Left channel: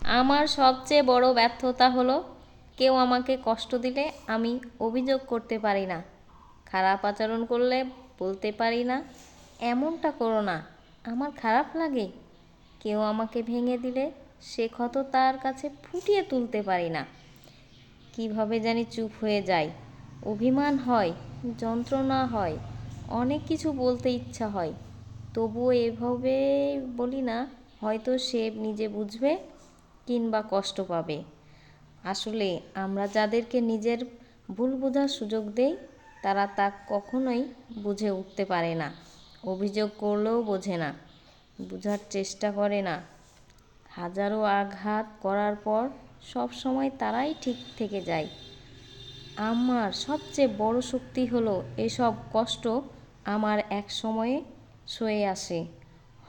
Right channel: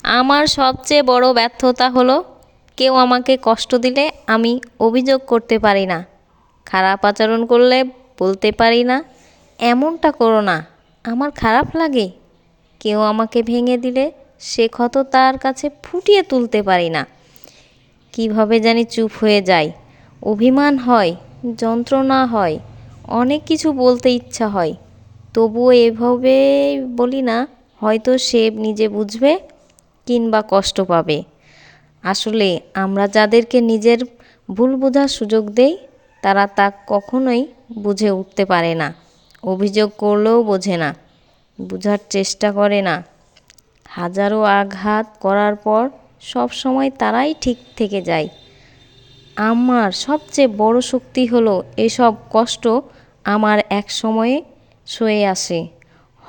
আমার সবচেয়ে বড় ব্যর্থতা হলো কেউ আমাকে কষ্ট দিলে আমি অভিযোগ করতে পারি না। খারাপ আচরণ করলে বলতে পারি না, এমনটা করো না, আমার খারাপ লাগে। কেউ আমাকে ভেঙে দিলে সে ক্ষত তার কাছে ফুটিয়ে তুলতে পারি না। কীভাবে জানি চুপ হয়ে যায় অভিমান হয়, যন্ত্রণা হয়, অনেক কিছু বলতে ইচ্ছা হয়। তবুও এভাবে বলি না, হয়তো সে নিজে বুঝবে কিংবা কষ্ট পাবে। আসলে আমরা যাদেরকে নিজের ভুল বোঝার সুযোগ দেই, তারা তা কখনোই বুঝে উঠতে পারে না, অভিযোগ করলেও বোঝে না, বোঝার চেষ্টা করে না। হাজারো আঘাত করার পর সব সময় তারাই ঠিক থেকে যায়। আমার সবচেয়ে বড় শক্তি হলো এসব কষ্ট আমার এক সময়ে সয়ে আসে।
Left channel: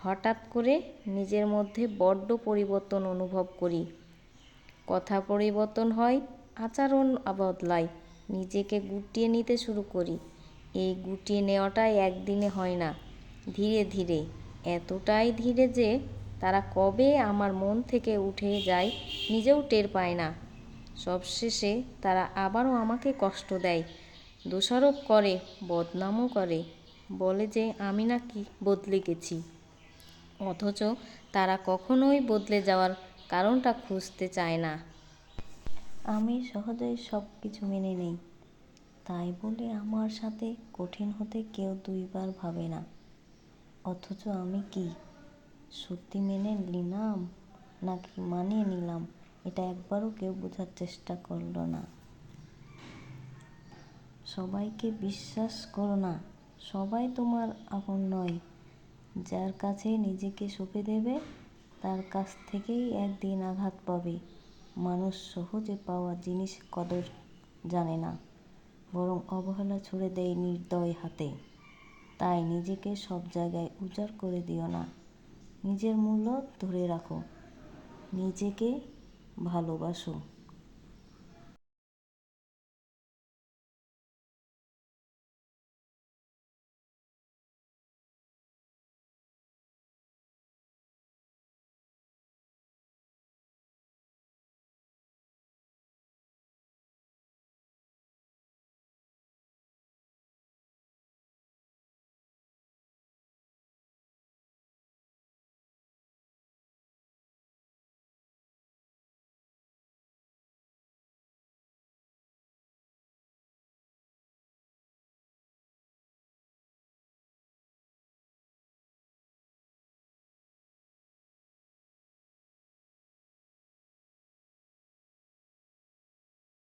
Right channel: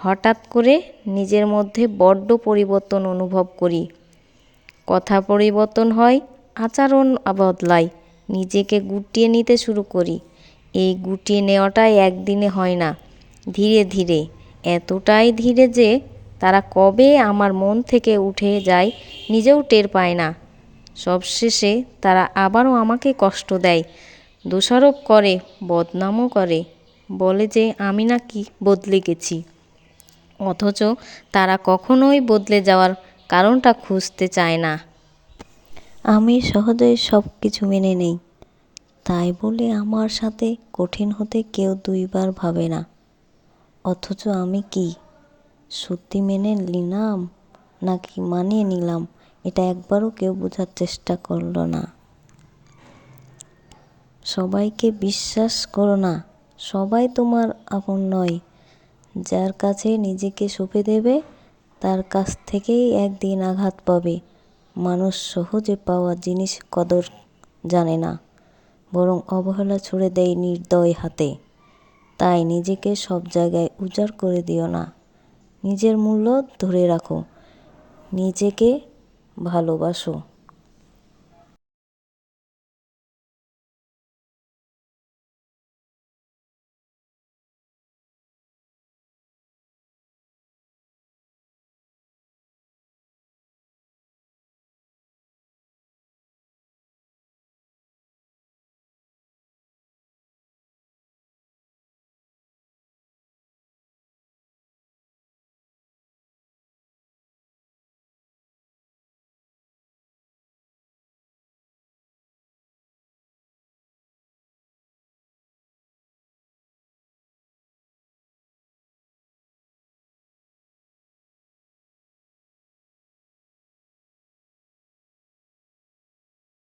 হঠাৎ করে নিজের মধ্যে বড্ড পরিবর্তন অনুভব করি। কথা পরিবর্তন হয়, আচরণ বদলায়, নিজেকে গুটিয়ে নিতে শুরু করি। এই গুটিয়ে নেওয়াটাই একদিনে হয় না, ধীরে ধীরে। এতটাই ধীরে যে তারা কবে আমার মন থেকে উঠে যায় নিজেও টের পায় না। সবশেষে তারা আবারও আমাকে কষ্ট দেয়, দোষারোপ করে, বদনামও করে। বলে যে আমি নাকি বদলে গেছি। অথচ তারা কখনোই বদলে যাওয়ার কারণটা খুঁজতে চায় না। আমি সহজেই সব কিছু মেনে নেই। তাই বলে আমার সাথে কঠিন হতে কেউ দুইবার ভাবে না। অথচ আমি কি, সত্যি মেনে নিলাম নাকি মানিয়ে নিলাম, এটা একবারও কেউ বোঝার চেষ্টা করল না। সবাইকে বিশ্বাস করো না, সবাই তোমার আপন নয়। যার কাছে নিজেকে সঁপে দেবে, তার কাছ থেকেই একদিন আঘাত পাবে। মানুষ সহজে পাওয়া জিনিস কদর জানে না, বরং অবহেলা ছুড়ে দেয় নির্দয় হাতে। তাই নিজেকে সব জায়গায় উজাড় করে দিও না। নিজের মূল্য ধরে রাখো। নিজেকে ভালোবাসো।